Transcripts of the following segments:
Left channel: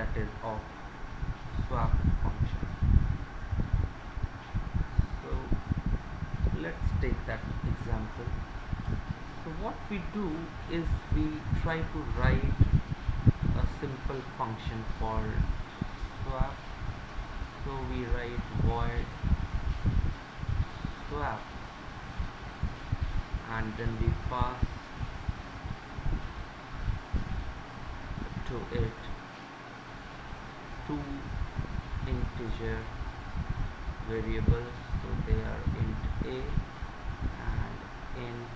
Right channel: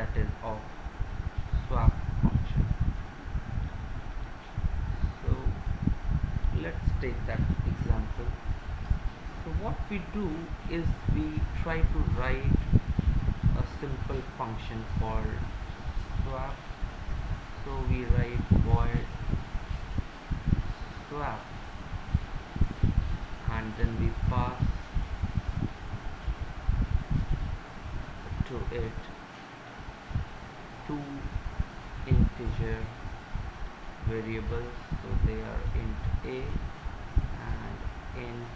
that is of swap function. So let's take that example. So what we do is we try to write a simple function called swap. So we write void swap, and then we pass to it two integer variables. So they are int a and int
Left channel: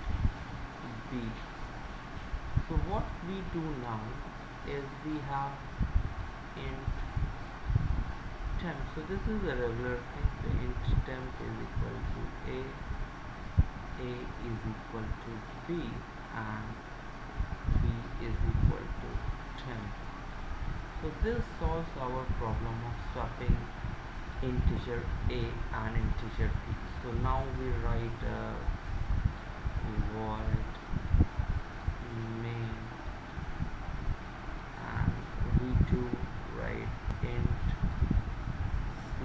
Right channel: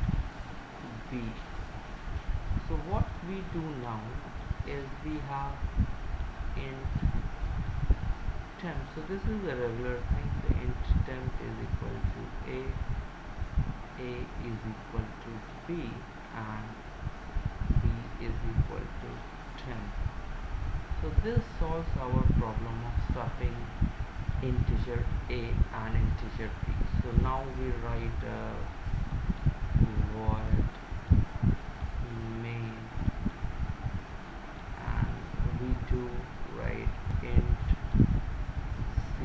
b. So what we do now is we have int temp. So this is a regular thing. So int temp is equal to a is equal to b, and b is equal to temp. So this solves our problem of swapping integer a and integer b. So now we write void main, and we do write int c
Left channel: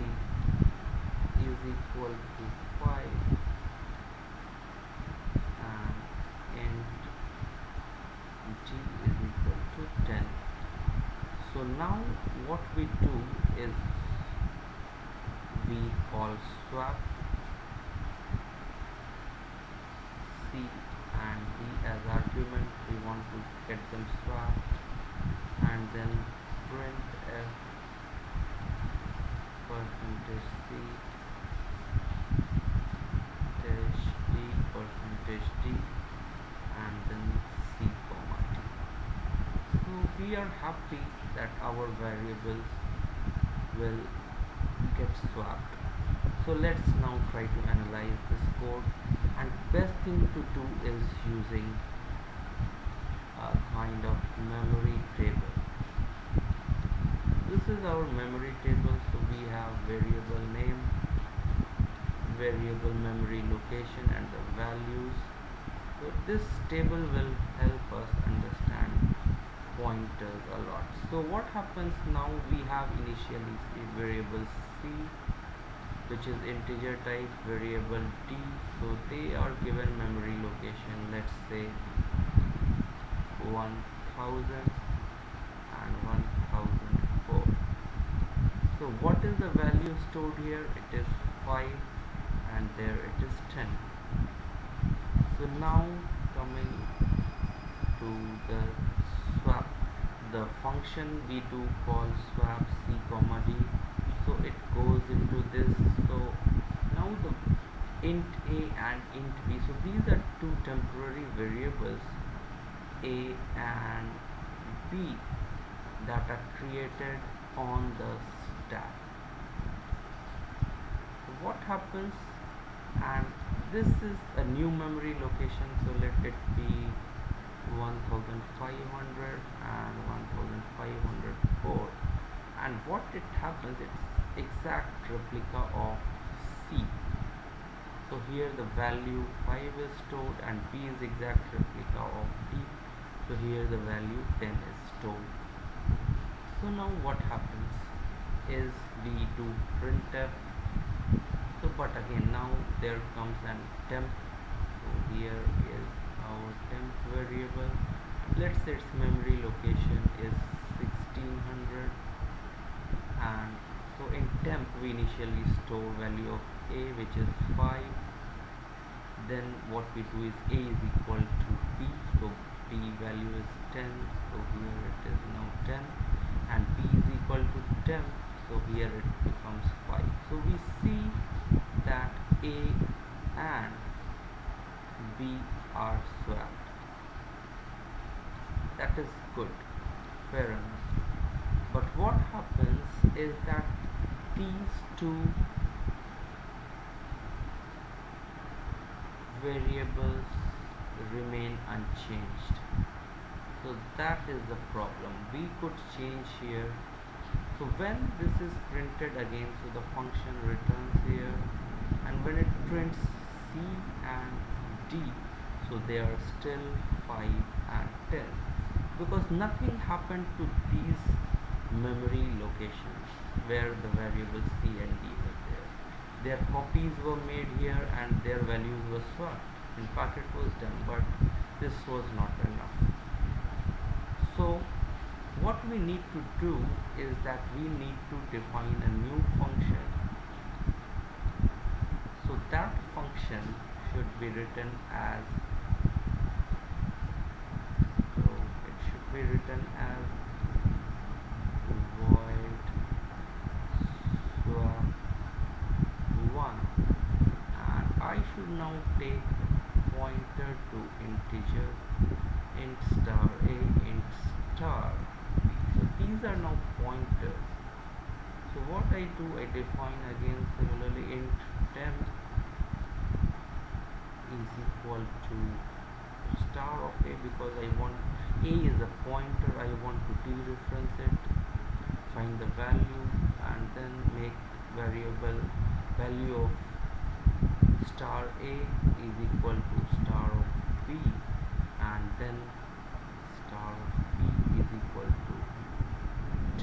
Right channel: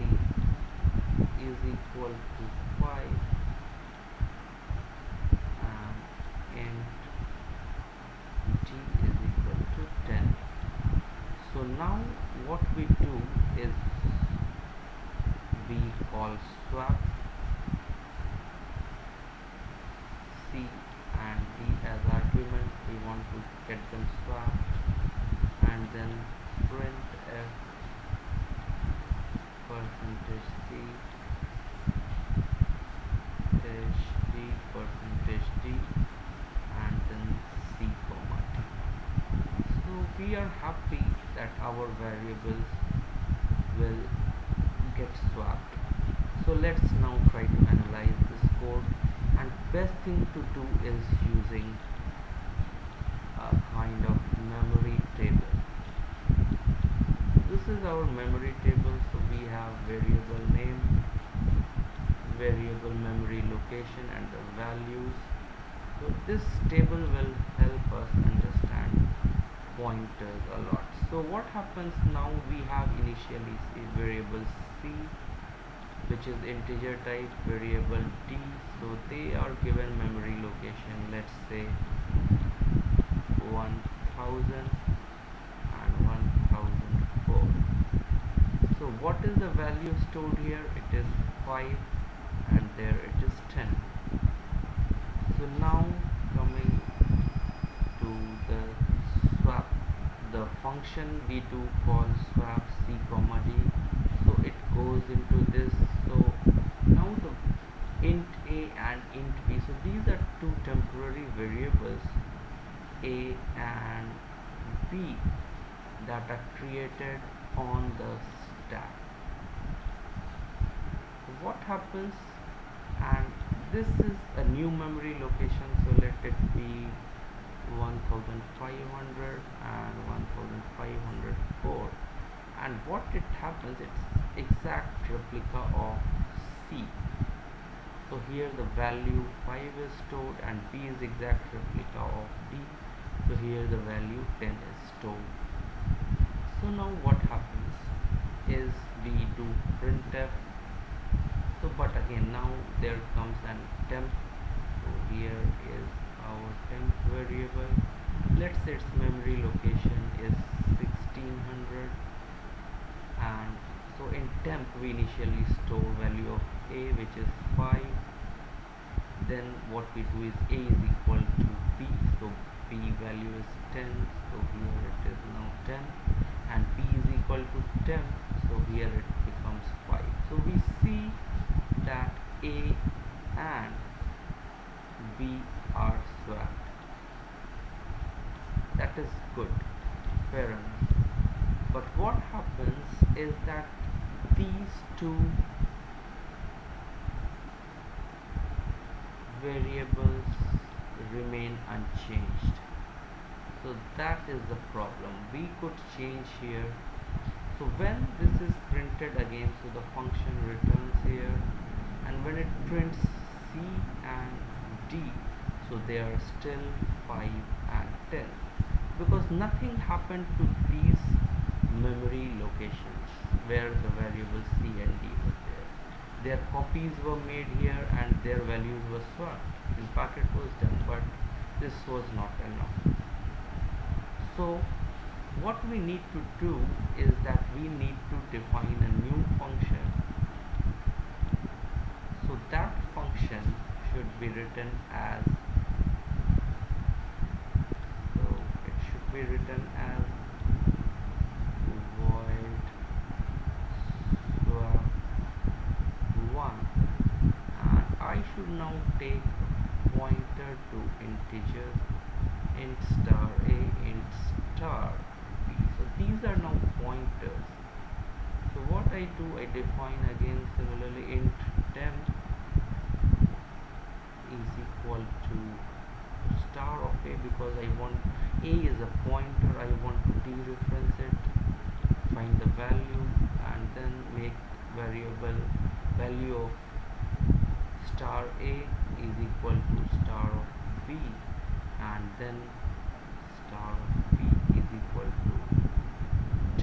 is equal to 5 and int d is equal to 10. So now what we do is we call swap c and d as argument. We want to get them swapped, and then printf percentage c dash d percentage d, and then c comma d. So we are happy that our variables will get swapped. So let's now try to analyze this code, and best thing to do is using a kind of memory table. This is our memory table. So we have variable name, variable memory location, and the values. So this table will help us understand pointers a lot. So what happens now, we have initially variable c, which is integer type, variable d. So they are given memory location, let's say 1000 and 1004. So what is the value stored here? It is 5, and there it is 10. So now coming to the swap, the function we do call swap c comma d. So it goes into this. So now the int a and int b, so these are two temporary variables a and b that are created on the stack. So what happens, and this is a new memory location, so let it be 1500 and 1504, and what it happens, it's exact replica of c. So here the value 5 is stored, and b is exact replica of d. So here the value 10 is stored. So now what happens is we do printf. So but again now there comes an temp. So here is our temp variable. Let's say its memory location is 1600, and so in temp we initially store value of a, which is 5. Then what we do is a is equal to b. So b value is 10, so here it is now 10, and b is equal to temp, so here it becomes 5. So we see that a and b are swapped. That is good, fair enough. But what happens is that these two variables remain unchanged. So that is the problem. We could change here. So when this is printed again, so the function returns here, and when it prints c and d, so they are still 5 and 10, because nothing happened to these memory locations where the variables C and D were there. Their copies were made here and their values were swapped. In fact, it was done, but this was not enough. So what we need to do is that we need to define a new function. So that function should be written as, so it should be written as void swap 1, and I should now take a pointer to integer int star a, int star b. So these are now pointers. So what I do, I define again similarly int temp is equal to star of a, because I want a is a pointer, I want to dereference it, find the value, and then make variable value of star a is equal to star of b, and then star of b is equal to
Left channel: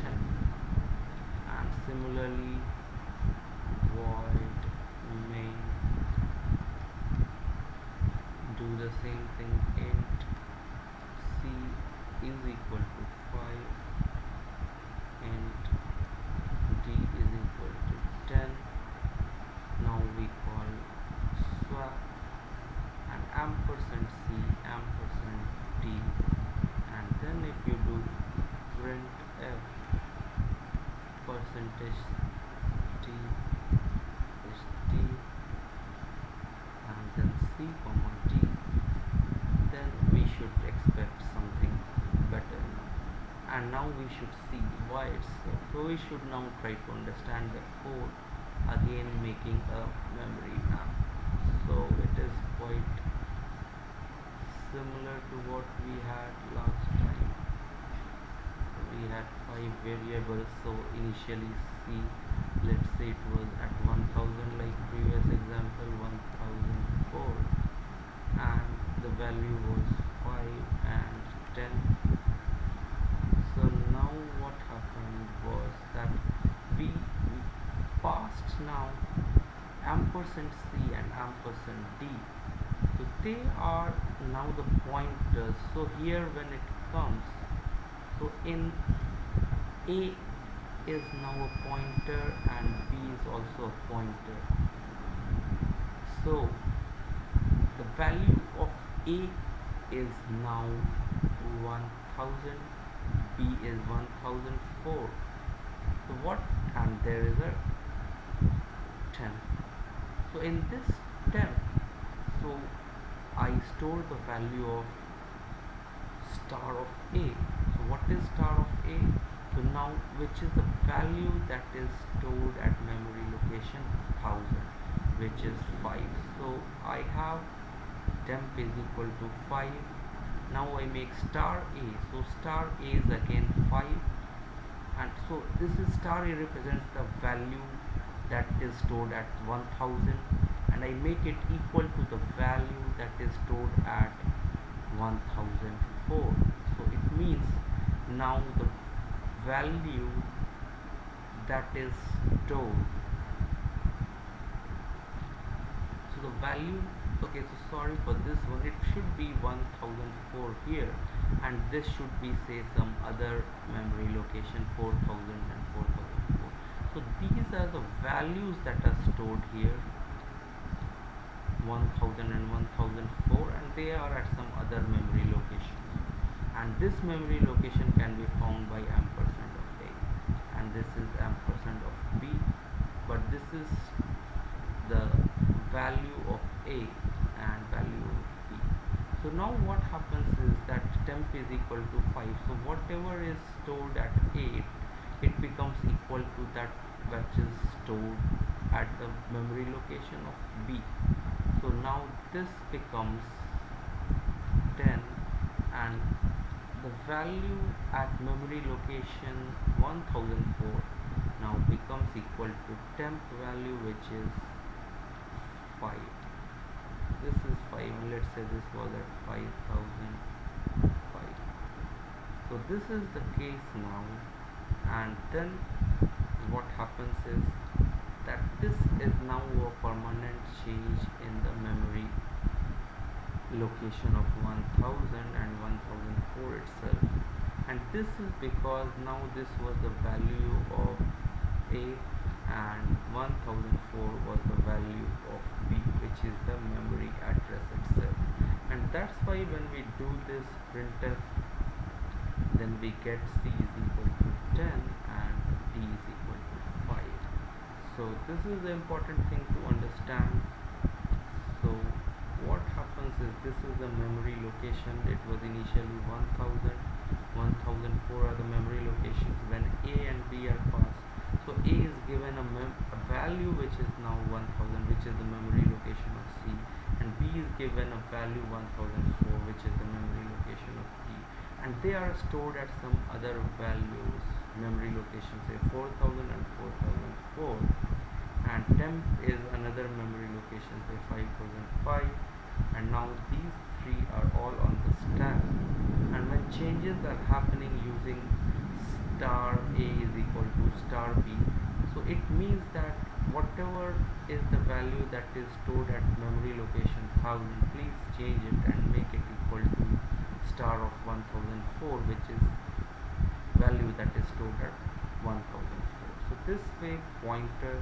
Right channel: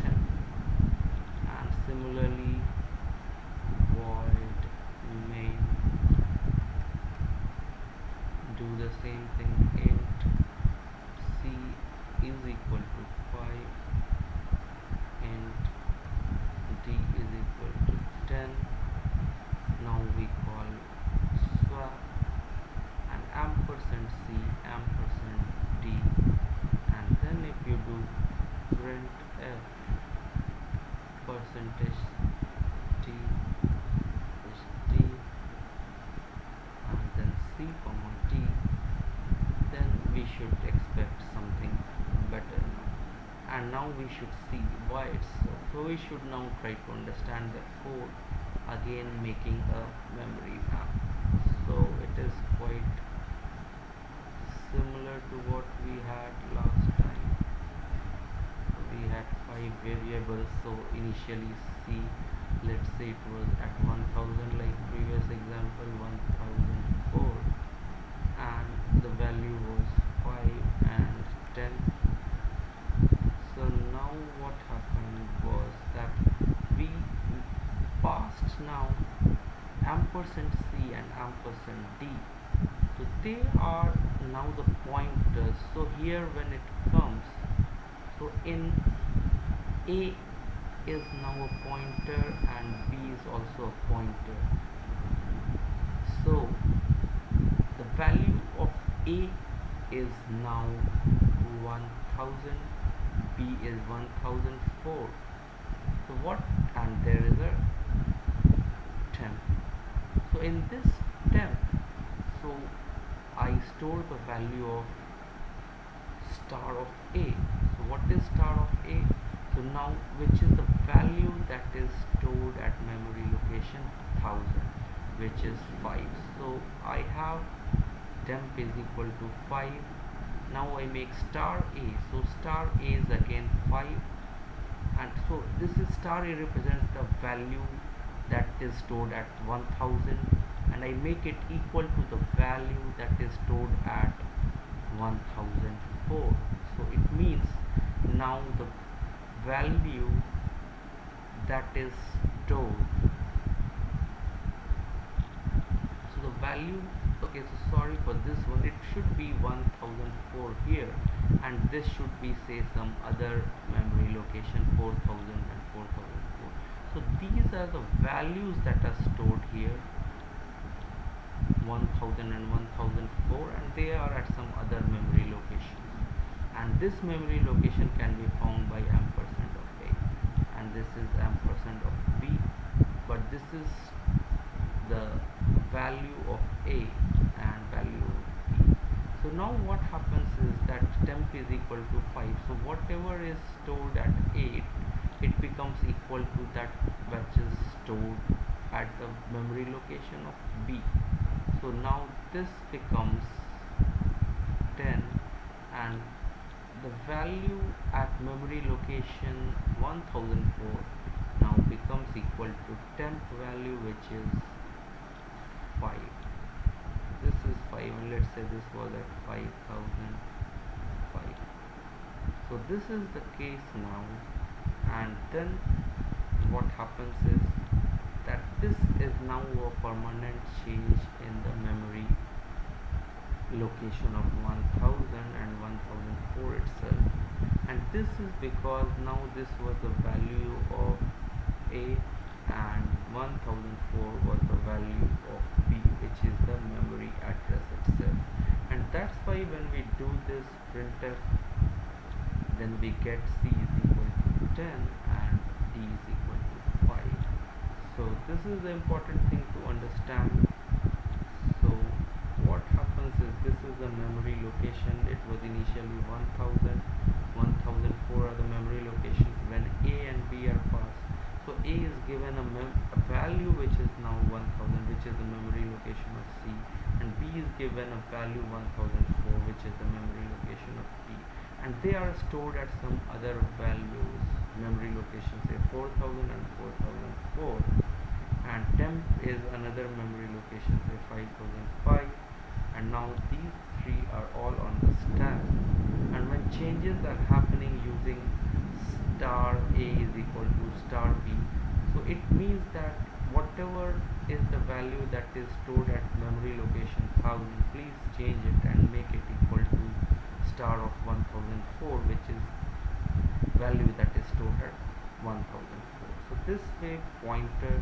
10. And similarly void main, do the same thing, int c is equal to 5, int d is equal to 10. Now we call swap and ampersand c ampersand d, and then if you do printf percentage t is t, and then c comma d, then we should expect something better now. And now we should see why it's so. So we should now try to understand the code, again making a memory map. So it is quite similar to what we had last time. We had 5 variables, so initially C, let's say it was at 1000 like previous example, 1004, and the value was 5 and 10. So now what happened was that we passed now ampersand c and ampersand d, so they are now the pointers. So here when it comes, so in a is now a pointer and b is also a pointer. So the value of a is now 1000, b is 1004. So what, and there is a 10. So in this temp, so I store the value of star of a. So what is star of a? So now, which is the value that is stored at memory location 1000, which is 5. So I have temp is equal to 5. Now I make star a, so star a is again 5, and so this is star a represents the value that is stored at 1000, and I make it equal to the value that is stored at 1004. So it means now the value that is stored, so the value, okay, so sorry for this one, it should be 1004 here, and this should be say some other memory location 4000 and 4004. So these are the values that are stored here, 1000 and 1004, and they are at some other memory locations, and this memory location can be found by ampersand of a, and this is ampersand of b, but this is the value of a and value of b. So now what happens is that temp is equal to 5, so whatever is stored at 8, it becomes equal to that which is stored at the memory location of b. So now this becomes 10, and the value at memory location 1004 now becomes equal to temp value, which is 5. This is 5, and let's say this was at 5005. So this is the case now, and then what happens is that this is now a permanent change in the memory location of 1000 and 1004 itself, and this is because now this was the value of A and 1004 was the value of B, which is the memory address itself. And that's why when we do this printf, then we get C is equal to 10 and D is equal to 5. So this is the important thing to understand. So what happens is, this is the memory location. It was initially 1000, 1004 are the memory locations when A and B are passed. So A is given a value which is now 1000, which is the memory location of C, and B is given a value 1004, which is the memory location of D, and they are stored at some other values, memory locations, say 4000 and 4004, and temp is another memory location, say 5005, and now these three are all on the stack. And when changes are happening using star A is equal to star B, so it means that whatever is the value that is stored at memory location 1000, please change it and make it equal to star of 1004, which is value that is stored at 1004. So this way pointer